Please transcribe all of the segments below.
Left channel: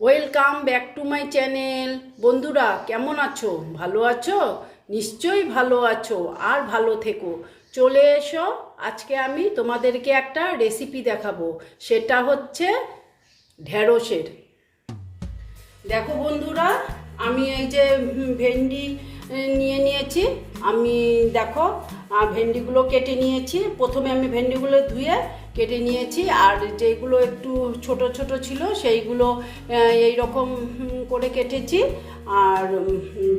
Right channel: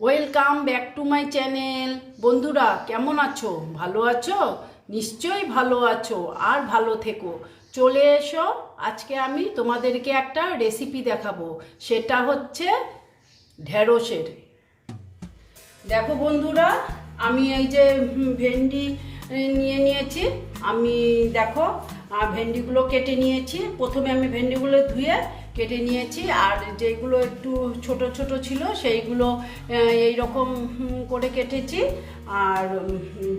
Welcome back to my channel. বন্ধুরা, কেমন আছো? ভালো আছো? নিশ্চয়ই ভালো আছো আর ভালো থেকো। চলে এসো, আজকে আমি তোমাদেরকে একটা রেসিপি দেখাবো। সেটা হচ্ছে ঢেঁড়সের। দেখো বন্ধুরা, আমি এই যে ভেন্ডি নিয়ে নিয়েছি। আমি, দেখো ভেন্ডিগুলো কেটে নিয়েছি। প্রথমে আমি ভেন্ডিগুলো ধুয়ে কেটে নিয়েছি আর যেগুলো একটু ছোট ছোট ছিল সেইগুলো এই রকম করে কেটেছি। আর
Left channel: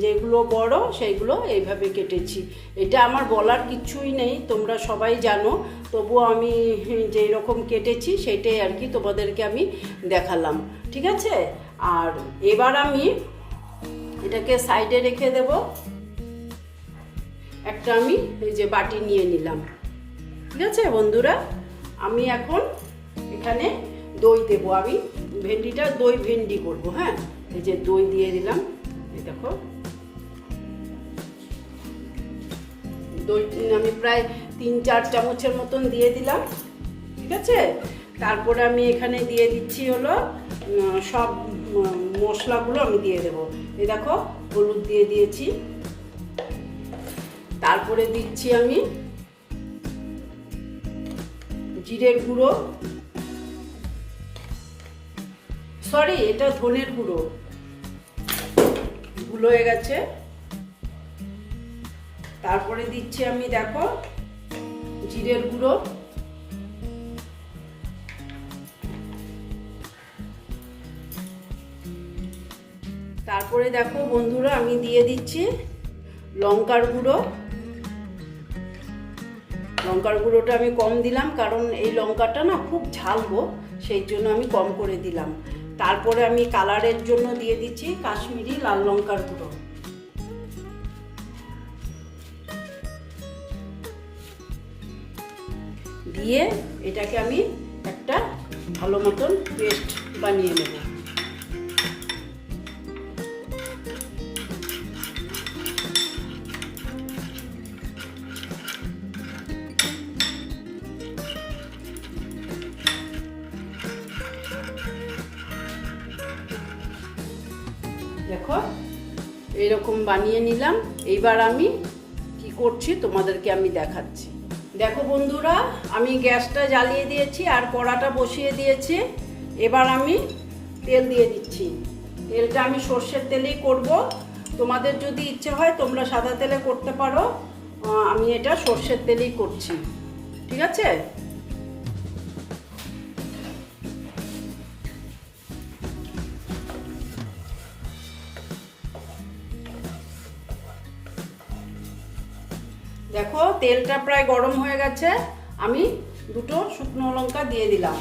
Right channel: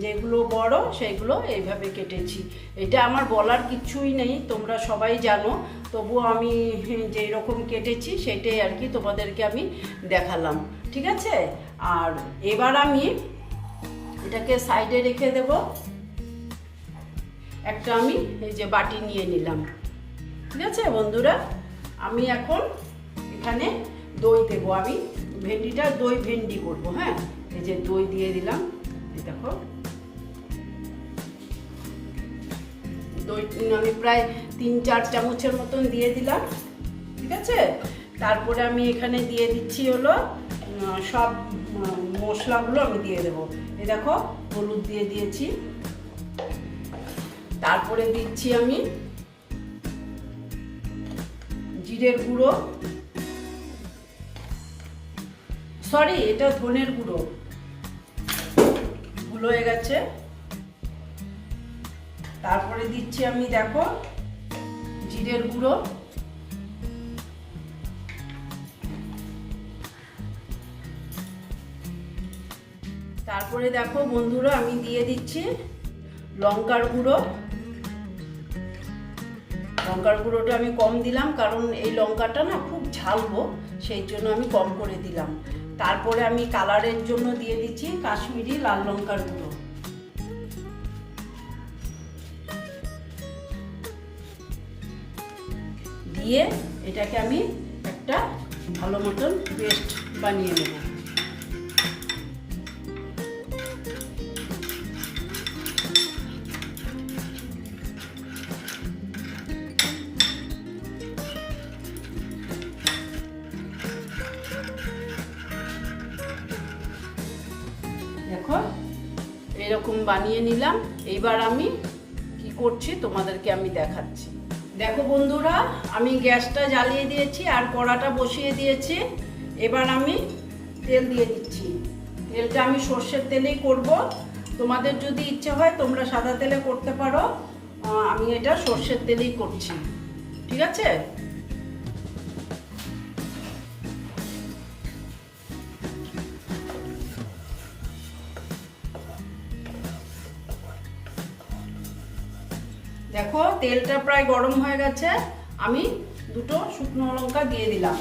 যেগুলো বড় সেইগুলো এইভাবে কেটেছি। এটা আমার বলার কিছুই নেই, তোমরা সবাই জানো। তবুও আমি যেই রকম কেটেছি সেটাই আর কি তোমাদেরকে আমি দেখালাম। ঠিক আছে? আর এবার আমি এটাকে সাইডে রেখে দেব। একটা আমি এই যে বাটি নিয়ে নিলাম। ঠিক আছে বন্ধুরা? আমি এখন এখানে দই দেবো। আমি ভেন্ডিটা দই ভেন্ডি করব হ্যাঁ? এই যে দই দিয়ে দিলাম। দেখো। দই আমি প্রায় তিন চার চামচের মতন দিয়ে দিলাম, ঠিক আছে? তারপরে আমি এখানে দিয়ে দিচ্ছি হলো সব মশলাগুলো আমি দিয়ে দেবো। এই দেখো, হলুদ দিয়ে দিয়েছি। তারপরে দিচ্ছি আমি জিরের গুঁড়ো। সরি এটা ধনের গুঁড়ো। গুলো হয়ে গেছে। তারপরে দিচ্ছি আমি, দেখো, জিরের গুঁড়ো। তারপরে দেখো বন্ধুরা, আমি দিয়ে দিচ্ছি লঙ্কার গুঁড়ো। লঙ্কার গুঁড়োটা আমি কম দিলাম, কারণ এই লঙ্কাটা না খুব ঝালবো, সেই জন্য আমি কম করে দিলাম। তারপরে আমি কালারের জন্য দিয়ে দিচ্ছি কাশ্মীরি লাল লঙ্কার গুঁড়ো। দিয়ে এটাকে আমি একটা ভালো মতন পেস্ট বানিয়ে নেব। এরকম বানিয়ে নিলাম। এইবার আমি কি করছি তোমাদেরকে আমি দেখাচ্ছি। দেখো বন্ধুরা, আমি গ্যাসটা জ্বালিয়ে দিয়েছি আর কড়াটা বসিয়ে দিয়েছি। এবার আমি তেল দিয়ে দিচ্ছি। তেলটা আমি সর্ষের তেলেই করব। তোমাদের যদি ইচ্ছে হয় তোমরা সাদা তেলে করতে পারো। আমি এটা সর্ষের তেলেই করছি। ঠিক আছে? দেখো, তেলটা প্রায় গরম হয়ে গেছে। আমি দুটো শুকনো লঙ্কা দিয়ে দিলাম।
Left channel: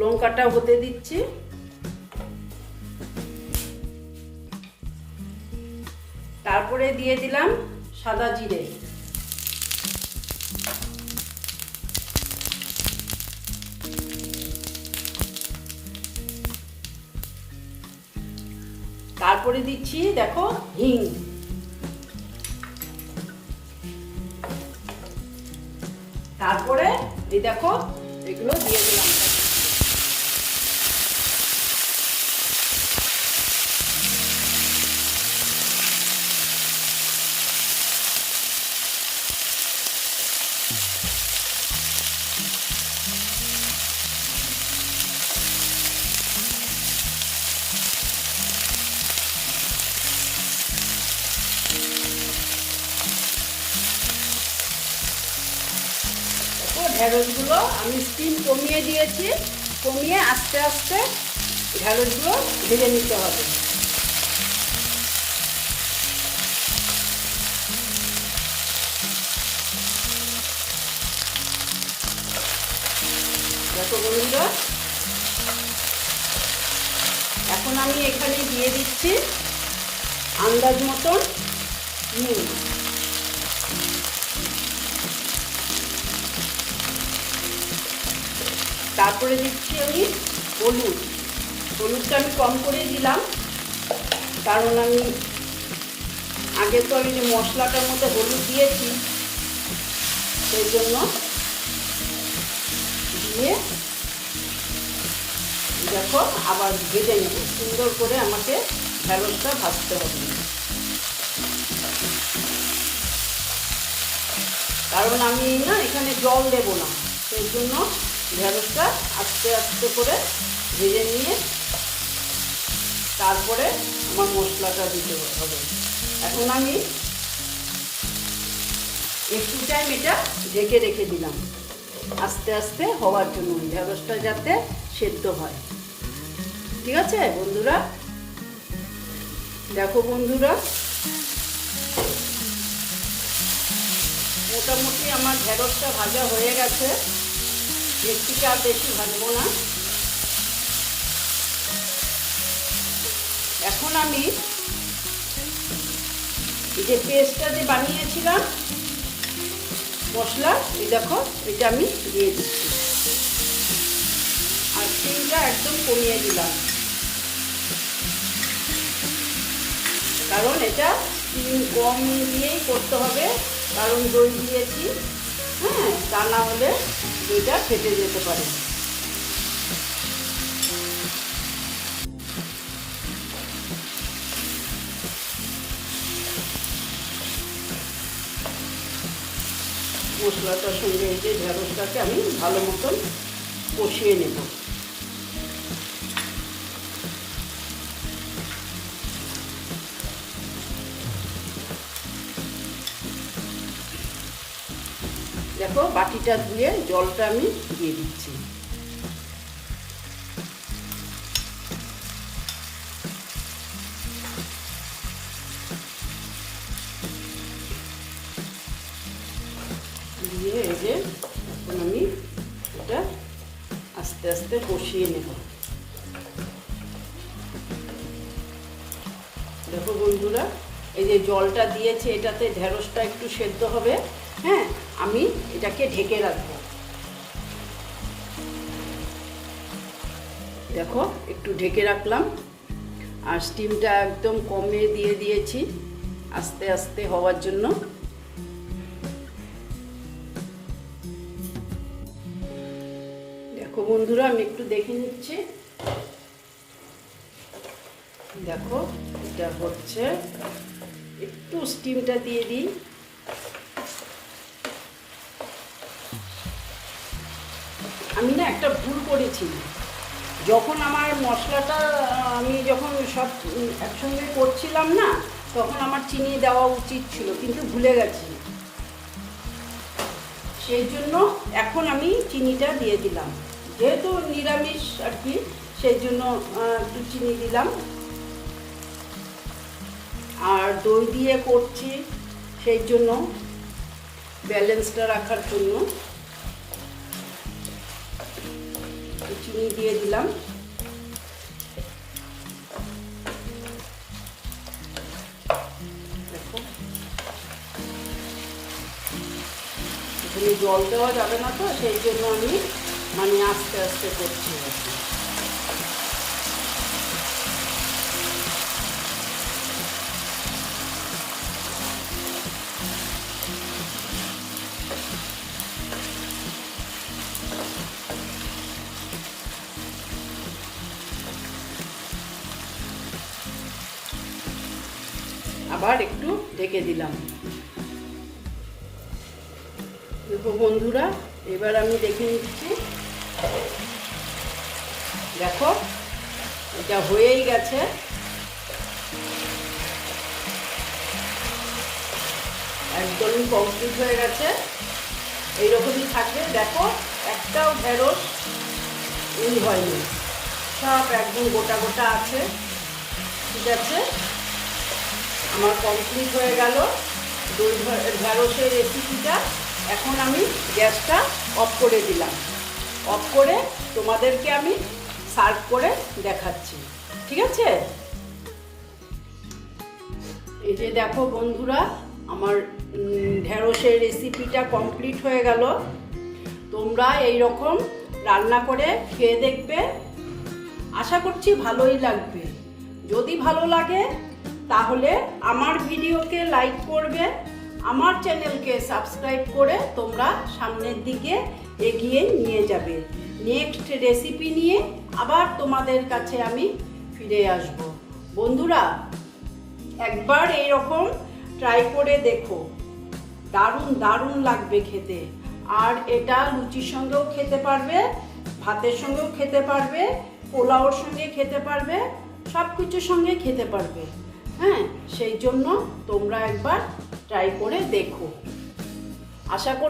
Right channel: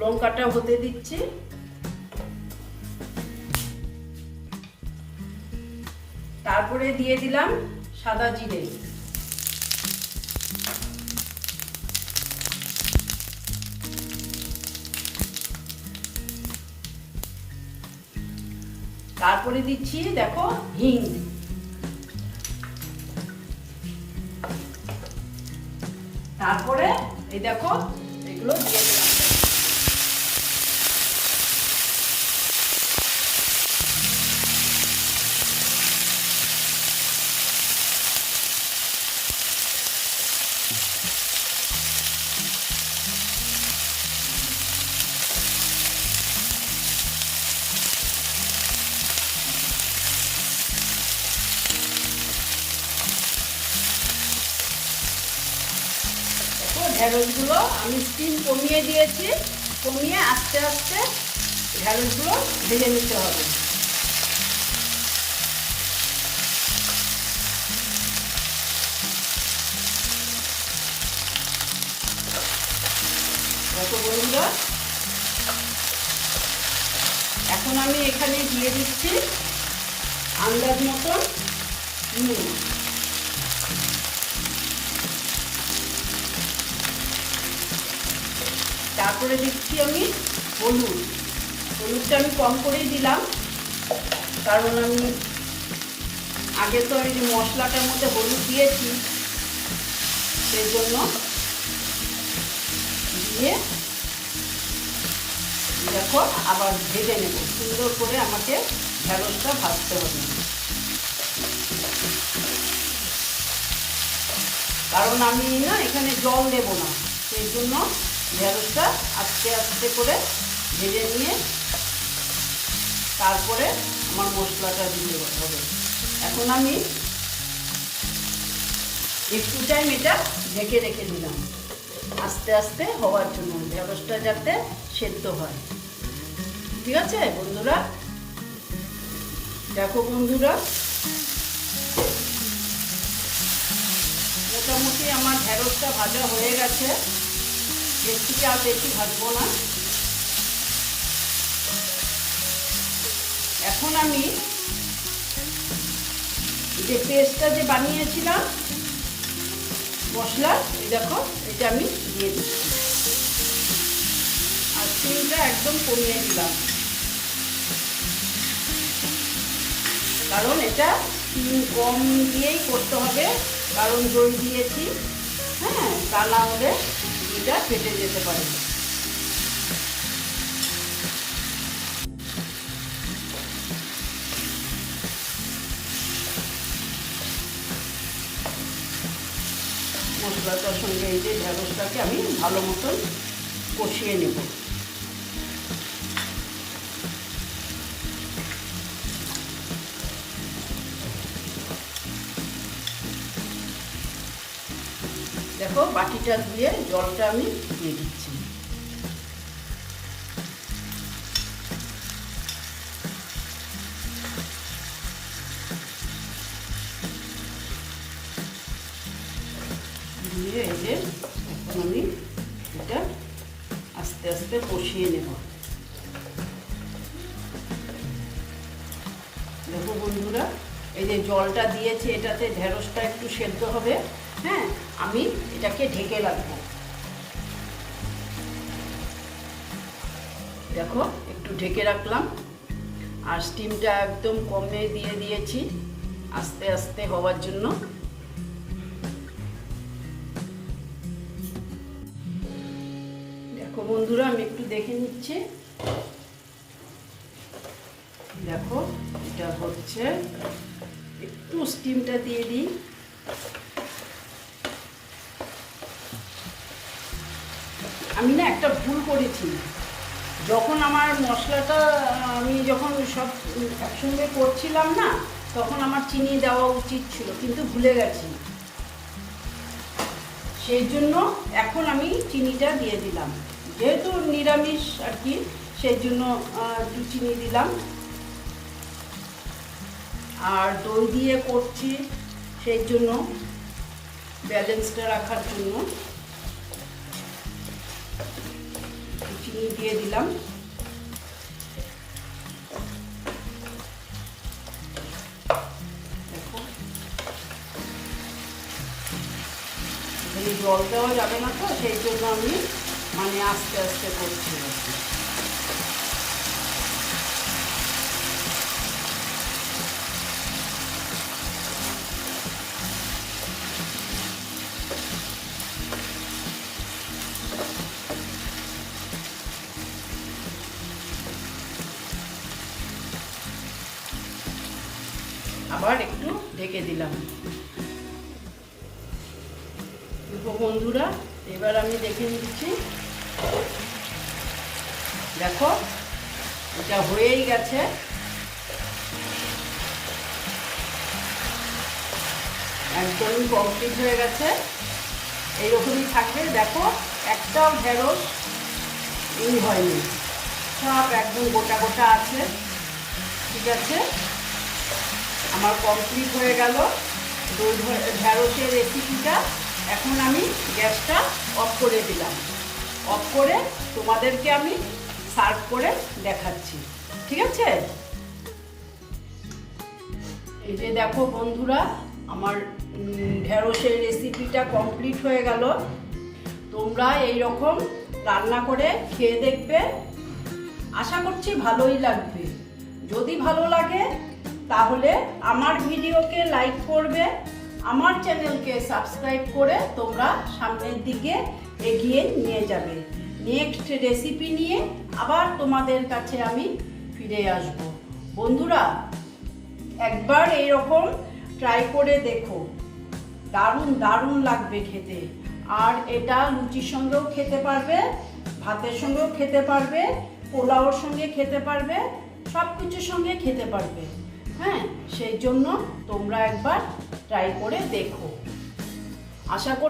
লঙ্কাটা হতে দিচ্ছি। তারপরে দিয়ে দিলাম সাদা জিরে। তারপরে দিচ্ছি দেখো হিং। তারপরে এই দেখো এগুলো দিয়ে দিলাম। ঢেঁড়সগুলো আমি স্টিম কমিয়ে দিয়েছি। কমিয়ে আস্তে আস্তে ঢেঁড়সগুলো ভেজে নিতে হবে। এখন আমি এখানে দিয়ে দিচ্ছি আন্দাজ মতন নুন। তারপরে দিচ্ছি আমি হলুদ। হলুদটা আমি কম করে দিলাম। কারণ আমি আগে তো আমি মশলাটার মধ্যে হলুদ দিয়েছি, সেই জন্য দিয়ে দেখো আবার ভেজে নেব। সুন্দর করে আমাকে ঢ্যাঁড়সটা ভাজতে হবে। কারণ আমি না এখানে জল দেব না, সেই জন্য ঢেঁড়সটা আস্তে আস্তে করে ভেজে নিয়ে তারপরে আমার মশলাটা দিতে হবে। এখন আমি একটু টাইম এটা ঢেকে রেখে দিলাম। আস্তে আস্তে হওয়ার জন্য ঢেঁড়সটা যাতে সেদ্ধ হয়। ঠিক আছে বন্ধুরা? দেখো বন্ধুরা। মোটামুটি আমার ঢেঁড়সটা ভাজা হয়ে গেছে। বেশিটা বেশি ভাজবো না। এখন আমি এই যে পেস্টটা যে বানিয়েছিলাম, মশলা, এই দেখো, এটা আমি দিয়ে দিচ্ছি। আর তেলটা একদম কমিয়ে দিলাম। কারণ এটা কম দিয়েই করতে হবে, কারণ দই দিয়েছি। হ্যাঁ তা না হলে দুইটা ফেটে যেতে পারে। মশলাটার সঙ্গে এই যে ঢেঁড়সটাকে আমি ভালো মতন কষিয়ে নেব। বাটিটা ধুয়ে জলটা আমি দিয়ে দিচ্ছি। দিয়ে এই এখন আমি এটা আস্তে আস্তে কষিয়ে নেব। যে জলটা দিয়েছে এটাতে ঢেঁড়সটা একটু সেদ্ধ হবে হ্যাঁ আমি এটাকে ঢেকে রাখব। দেখো, একটু ঢেকে রাখলাম। আর স্টিমটা একদম কমে দিয়ে দিয়েছি, আস্তে আস্তে হওয়ার জন্য। দেখো বন্ধুরা, আমি একটু দেখে নিচ্ছি। দেখো, এটা হচ্ছে একটু স্টিমটা দিয়ে দিই। আমি না একটা ভুল করেছি যখন আমার মশলাটা, আমি যখন সব একসঙ্গে করছিলাম না, তখন আমার চিনি দেওয়া উচিত ছিল, কিন্তু ভুলে গেছি। সেই জন্য এখন আমি চিনিটা দিয়ে দিলাম। যেহেতু নিরামিষ আর কি, সেই জন্য একটু চিনি দিলাম। আর দই দিয়ে করছি সেই জন্য ব্যালেন্সটা রাখার জন্য। চিনি দিয়ে দিলাম। জল দেওয়া যাবে না তো, সেই জন্য আমি মানে আস্তে আস্তে করছি আবার একটু ঢেকে দিলাম। বন্ধুরা, এবার আমি দেখে নিচ্ছি। দেখো, এটা হয়েই গেছে। একদমই কমপ্লিট হয়ে গেছে। এইরকমই থাকবে দেখো, একটাও ঢেঁড়স ই হয়নি। সব একদম গোটা গোটা আছে। ঠিক আছে? আমার কমপ্লিট হয়ে গেল। দই ঢে- ঢেঁড়সের রেসিপিটা এখন আমি গ্যাসটা অফ করে দিলাম। অফ করে তোমাদেরকে আমি সার্ভ করে দেখাচ্ছি। ঠিক আছে? এই যে দেখো বন্ধুরা আমার উম, ঢেঁড়সের রেসিপিটা কমপ্লিট হয়ে গেল। তোমরা এই রকম রান্না করে খেয়ে দেখবে। আশা করছি ভালোই লাগবে। যদি ভালো লাগে তাহলে আমার ভিডিওকে লাইক করবে, আমার চ্যানেলকে সাবস্ক্রাইব করে তোমরা সামনের দিকে এগিয়ে নিয়ে যাবে। নেক্সট রেসিপি নিয়ে আবার তোমাদের কাছে আমি ফিরে আসব। বন্ধুরা, একবার এইরকম ট্রাই করে দেখো। দারুণ দারুণ লাগবে খেতে। আর এটা লুচির সঙ্গেও খেতে পারবে, ভাতের সঙ্গেও খেতে পারবে, পোলাওর সঙ্গে খেতে পারবে সব কিছুর সঙ্গে খেতে পারবে। হ্যাঁ সেই জন্য তোমরা একবার ট্রাই করে দেখো। আশা করি